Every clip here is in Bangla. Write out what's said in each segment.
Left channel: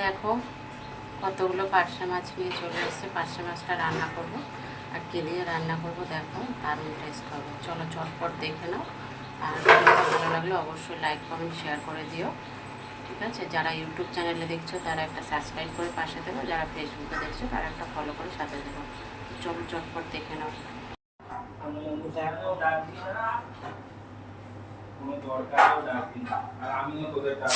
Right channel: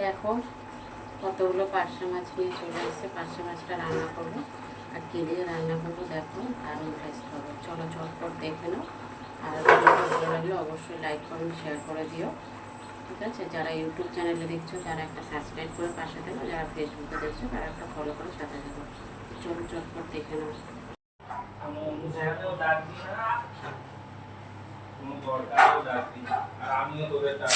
দেখো কতগুলো পার্শে মাছ নিয়ে চলে এসেছে। পার্শে মাছটা রান্না করব আর কি দিয়ে রান্না করব দেখো, দারুণ টেস্ট হবে। চলো চটপট দেখে নাও। আর ভিডিওটা ভালো লাগলে অবশ্যই লাইক কমেন্ট শেয়ার করে দিও, ঠিক আছে? যারা ইউটিউব চ্যানেলে দেখছো তারা একটা সাবস্ক্রাইব করে পাশে দেবো, যারা ফেসবুকে দেখছো তারা একটা ফলো করে সাথে দেবো। চলো চটপট দেখে নাও। কোনো দরকারও ডাকবি না, আর আমিও তোদের ডাক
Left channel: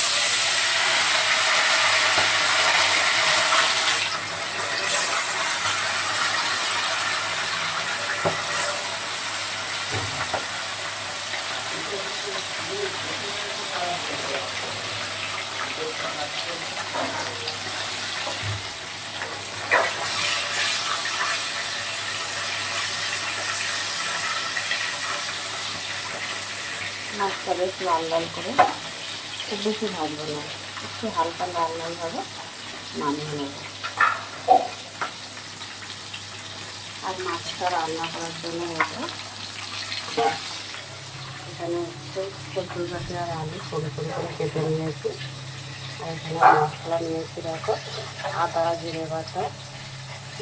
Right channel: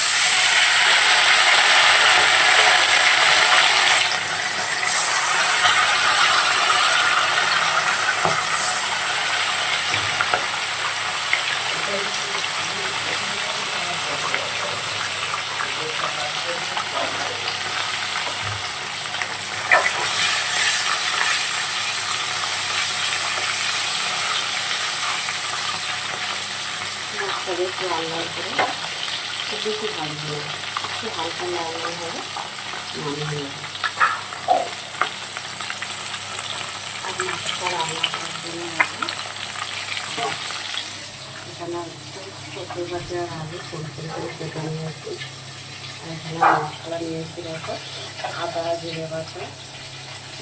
মাছটা বেশ লাল লাল করে, খুব বেশি ভাজবো না, একটু হালকা লাল লাল হবে, নামিয়ে নেব। আর মাছটা রান্না করার জন্য এখানে হচ্ছে কচুর পাতি আর আলু ছোটো ছোটো করে কেটে নিয়েছি। আর এখানে মশলা নিয়েছি দেখো, আদা জিরে বাটা,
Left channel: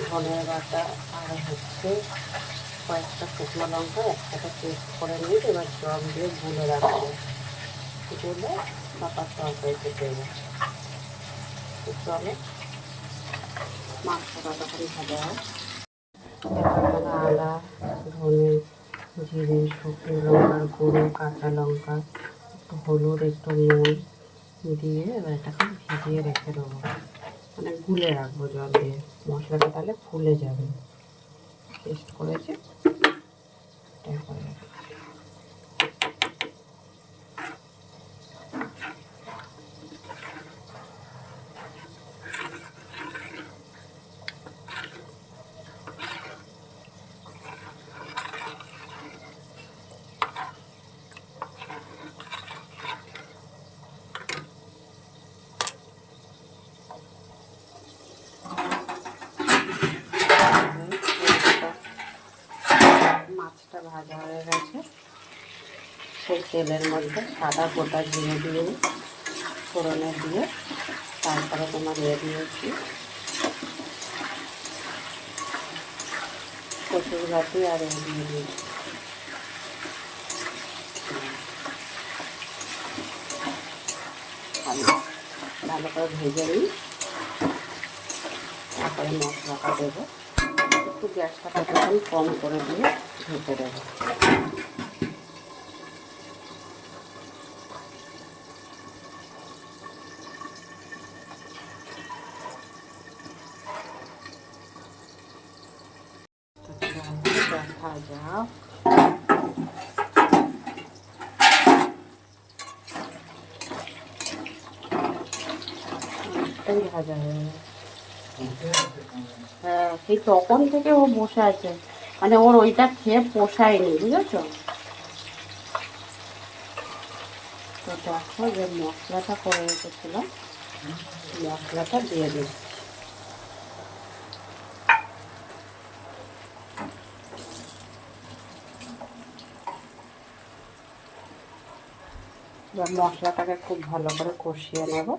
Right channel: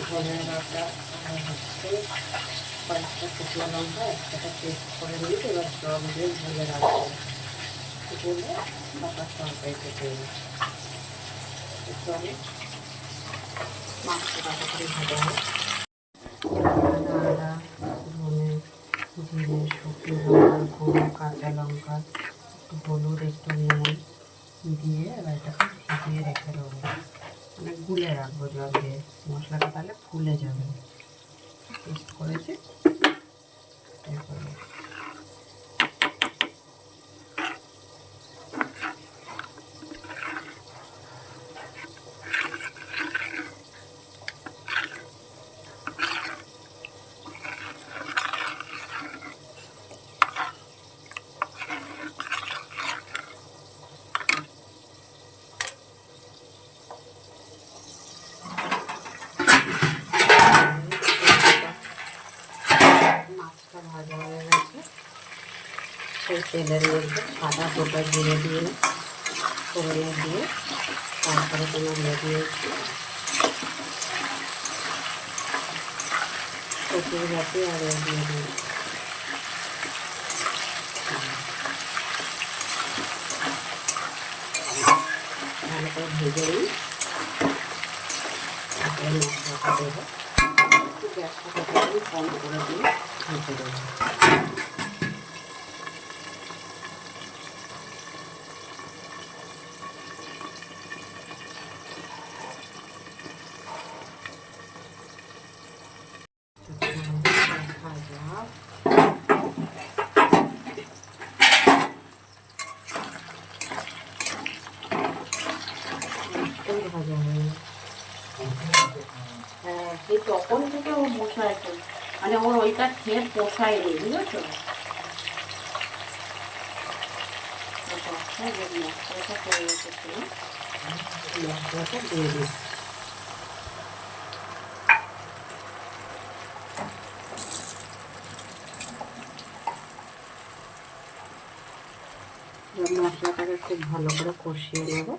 ধনের বাটা, আর হচ্ছে কয়েকটা শুকনো লঙ্কা একসাথে পেস্ট করে নিয়ে এবার জল দিয়ে গুলে রাখবো, গুলে পাতার তরকারিতে দেবো। চলো মাছটা তরকারি ভাজা হয়। এখানে আদা, ধনে, জিরে, শুকনো লঙ্কার গুঁড়ো, কাঁচা লঙ্কা, একটু হলুদ, একটু নুন দিয়ে এবার এটাকে ভিজিয়ে রেখে দেবো, মানে গুলে রাখবো জল দিয়ে। মশলাটা তাহলে ফুলে যাবে। পেস্ট করেছি এটাই করবো। মাছটা ভাজা হয়ে গেছে, সেই তেলের মধ্যে সাদা গোটা জিরে দিয়ে ফোড়নে দিয়ে তারপরে তোমার দিয়েছি কচুর গাছি আর দিয়ে দিয়েছি। ভালো করে ভেজে নিই, তারপরে মশলাটা দেবো। একটু গ্যাসটা কতক্ষণ কম করে দিয়ে ভেজে দেবো। ভাজা ভাজা হয়ে, হ্যাঁ সেই তখন থেকে ও বসে আছে, মানে ওর ওইটা খেয়ে পোষায়নি, বুঝেছো? যে মশলাটা করে রেখেছিলাম মশলাটা দিয়ে দিচ্ছি। এবার মশলাটাকে খুব ভালো করে কষিয়ে নেব।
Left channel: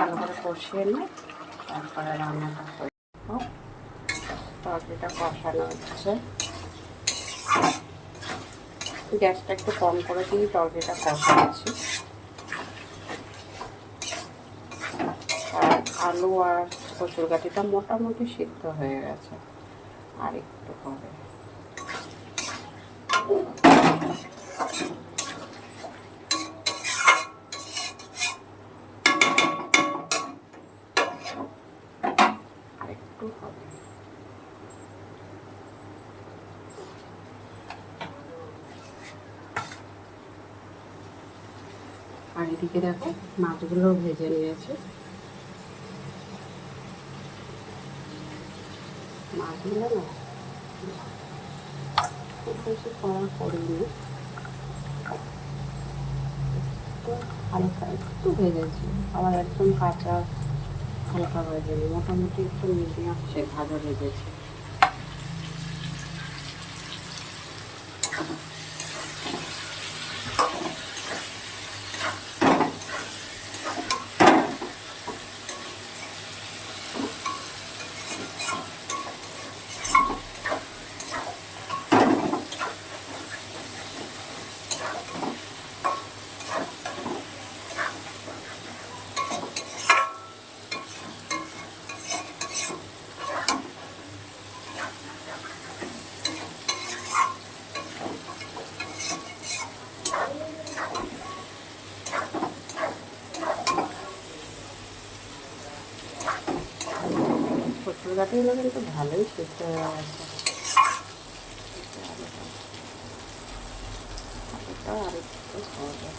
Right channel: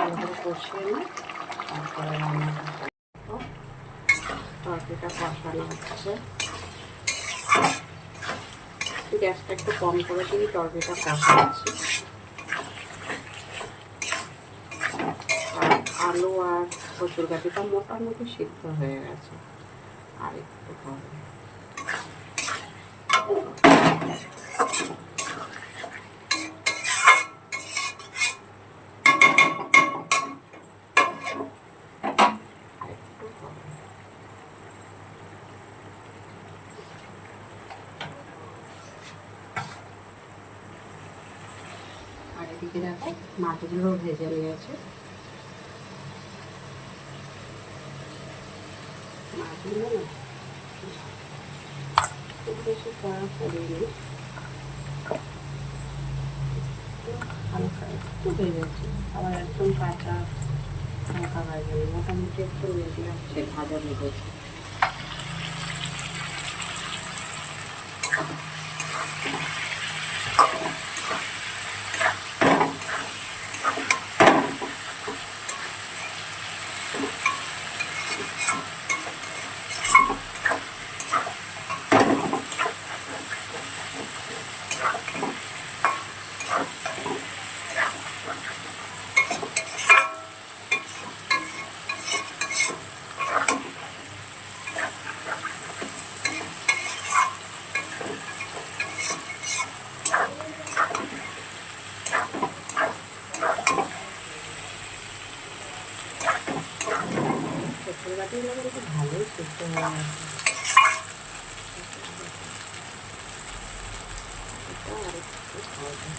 ভালো করে কষিয়ে নিয়ে তারপরে রান্নাটা করবো। তরকারিটা কষানো হচ্ছে, গ্যাসটা একটু কম করে দিয়ে তরকারিটা কষাচ্ছি। আর আলু আর কচুর গাঠিটা মোটামুটি সিদ্ধ হয়ে গেছে, আর একটু হবে। আর এদিকে দেখো মাছগুলো ভেজে নিয়েছে। মাছগুলো না খুব বেশি কড়া করিনি, একটু হালকা একটু ভেজেছি, আবার একদম কাঁচা হালকা ভাজিনি, মোটামুটি একটু মিডিয়াম সে ভাজা ভেজেছি। শ্বশুর বাটি হলে কিন্তু ভালোই সিদ্ধ হয়ে গেছে। আলুটা আর একটু হবে।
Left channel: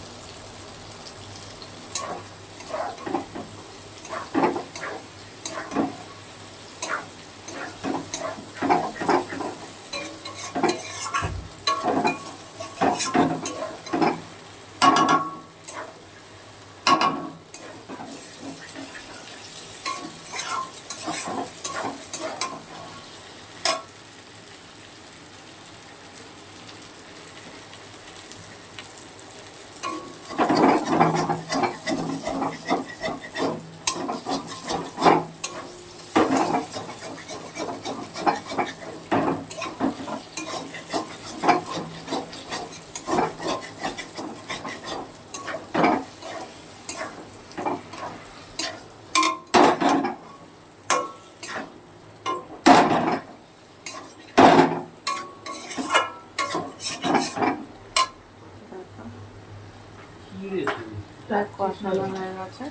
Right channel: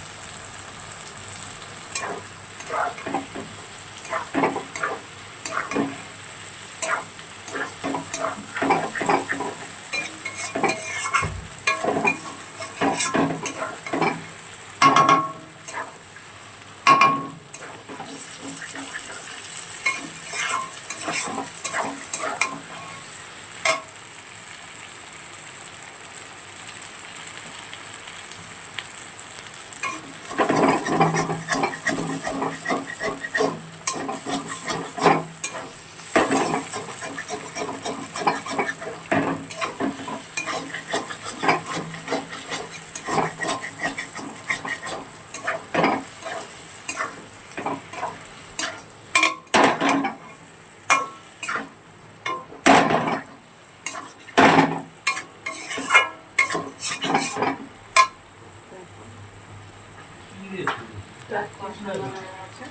কষানো হয়ে গেছে,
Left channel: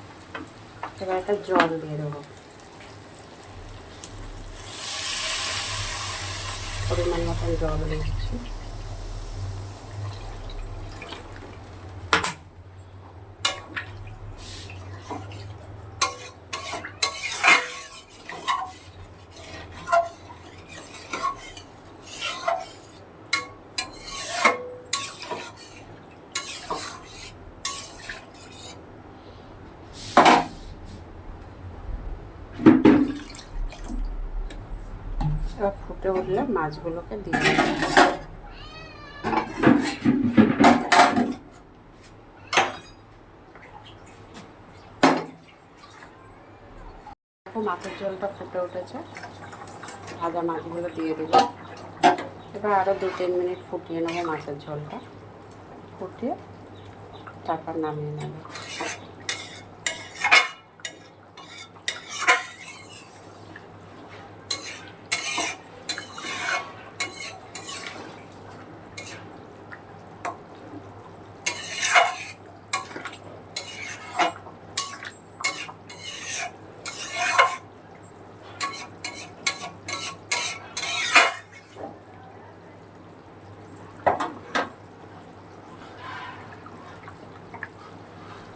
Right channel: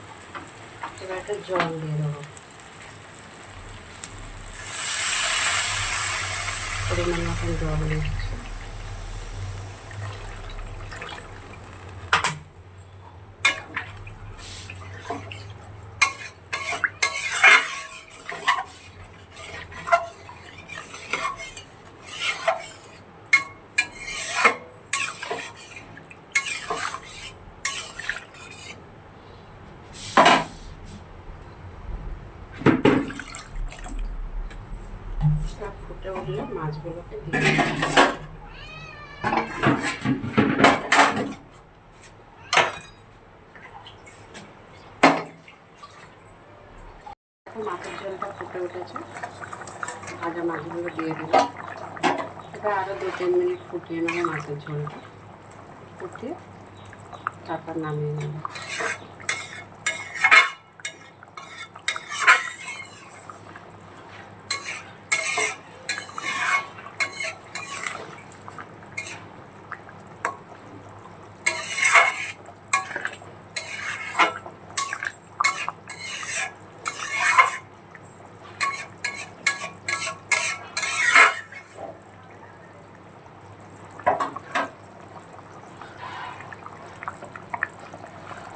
এবার একটা জল দিয়ে দেবো, পরিমাণ মতন জল দিচ্ছি। এবার ফুটে উঠলে মাছগুলোকে দিয়ে মাছের ঝোলটা ফুটে উঠেছে, ভাজা মাছগুলো দিয়ে দিল। এবার আরও 2-3 মিনিট ফুটিয়ে নেবো মাছের ঝোলটা, ফুটিয়ে তারপর নামিয়ে নেব।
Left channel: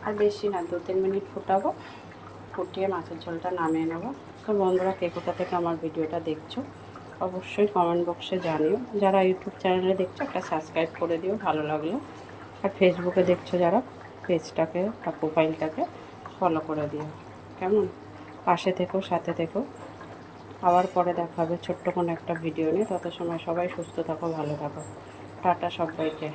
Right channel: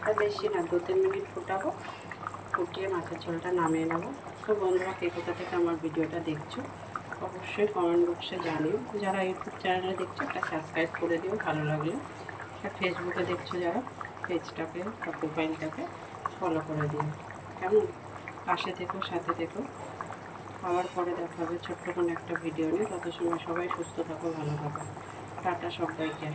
আর বেশি না, 2-3 মিনিট ফুটাবো, ফুটিয়ে মাছের ঝোলটা নামিয়ে নেবো। তো বন্ধুরা, কে কোথা থেকে আমার ভিডিওটা দেখছো অবশ্যই কমেন্ট বক্সে জানিও। যারা ইউটিউব চ্যানেলে দেখছো একটা সাবস্ক্রাইব করে দিও ভালো লাগলে, আর ফেসবুকে দেখছো যারা পেজটাকে বা প্রোফাইলটাকে ফলো করে দিও। কেমন? পাশে থেকো, সাথে থেকো। আবার পরে দেখা হবে ছোট্ট কোনো একটা ভিডিও নিয়ে। তত সময় সবাই সুস্থ থাকো, ভালো থাকো। টাটা সবাইকে।